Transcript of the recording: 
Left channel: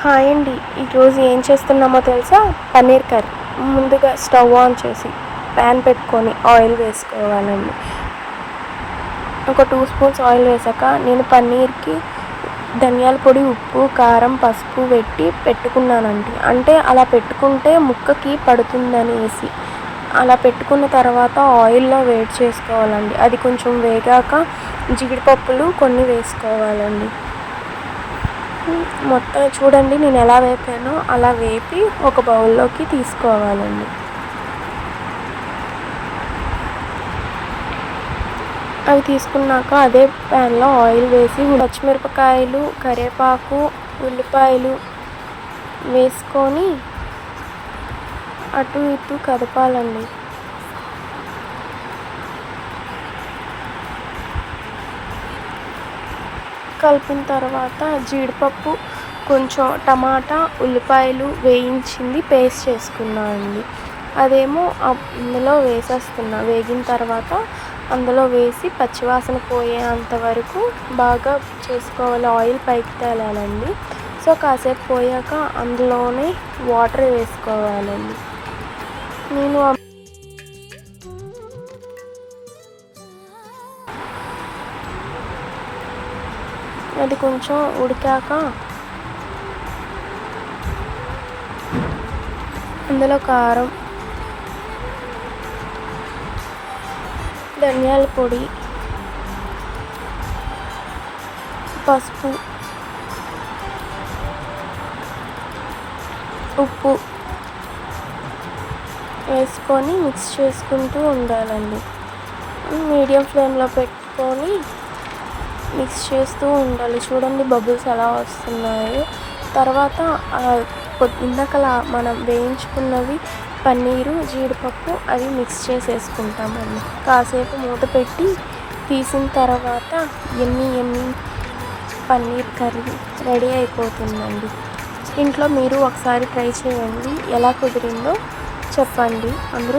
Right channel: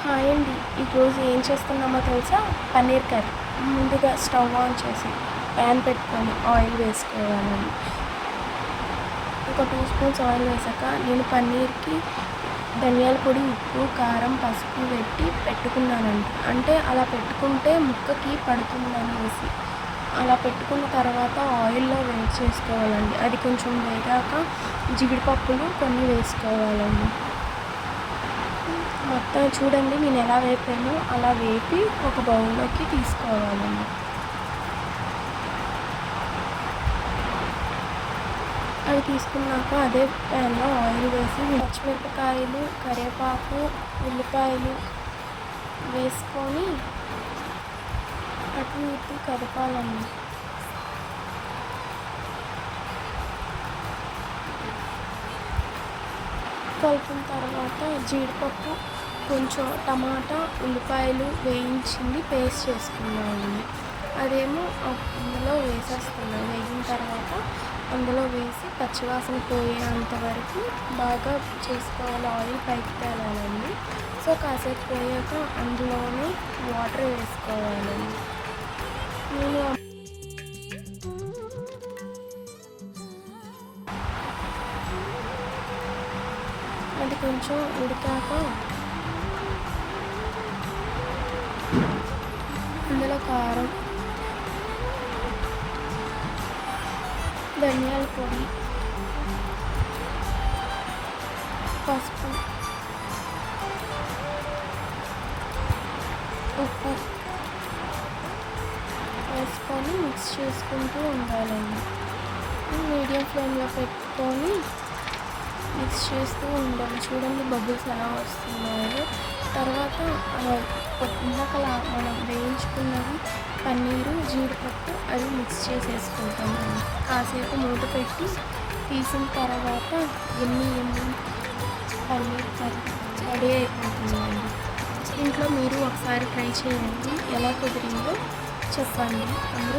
Hi అండి. ఈరోజు ఏం చేస్తున్నామో తెలుసా? పన్నీర్ కర్రీ. ముందుగా స్టవ్ ఆన్ చేసి ప్యాన్ పెట్టుకొని ఆయిల్ వేసుకోవాలండి. ఒక 2 స్పూన్స్ ఆయిల్ వేసాక నేను పన్నీర్కి ధనియాల పొడి, ఉప్పు, కారం, పసుపు పెట్టుకున్నానండి. అంటే అలా పెట్టుకుంటే ముక్కకి పడుతుందనేసి. అలా పెట్టుకున్న తర్వాత ఆయిల్లో వేడి చేసుకోవాలండి. అది కొంచెం వేగాక జీడిపప్పులు కొన్ని వేసుకోవాలండి. మొత్తం చూడండి నేను ఎలా వేపానో అలా వేపి ఒక బౌల్లోకి తీసుకోవాలండి. అవి తీసుకున్నాక అదే ప్యాన్లో ఆయిల్ వేసి పచ్చిమిరపకాయలు, కరివేపాకు, ఉల్లిపాయలు వేసుకొని అటు ఇటు కదపాలండి. కలిపిన తర్వాత జీడిపప్పు, కొంచెం టమాటా, ఉల్లిపాయలు వేయించింది పేస్ట్ చేసుకున్నానండి. అదేమో ఇందులో వేసేస్తున్నా. వేగిన తర్వాత అందులో వేసి పచ్చివాసన పోయేంత వరకు బాగా చేసుకోవాలి. ఆయిల్ పైకి తేలాలండి. సో కాసేపు పోయాక అందులోనే వాటర్ వేసుకోవాలండి. నేను అది కొంచెం ఉడికాక అందులో కారం, ధనియాల పొడి, పసుపు, ఉప్పు వేసుకొని మిక్స్ చేసుకుంటూ ఉండాలండి. మీడియం ఫ్లేమ్లో పెట్టుకొని మిక్స్ చేస్తూ ఉండాలి. చూడండి బబుల్స్ ఎలా వస్తున్నాయో. తర్వాత ఇందాకలా మనం వేయించుకున్నవి పన్నీరు, జీడిపప్పు అవి మిక్స్ చేసేసుకుంటామండి. కాసేపు మూత పెట్టి తీసిన తర్వాత ఎమ్మి పన్నీర్ కర్రీ రెడీ అయిపోతుందండి. ఇంట్లో మీరు ఒకసారి ట్రై చేయండి. ఎలా కుదిరిందో చెప్పండి. అందరూ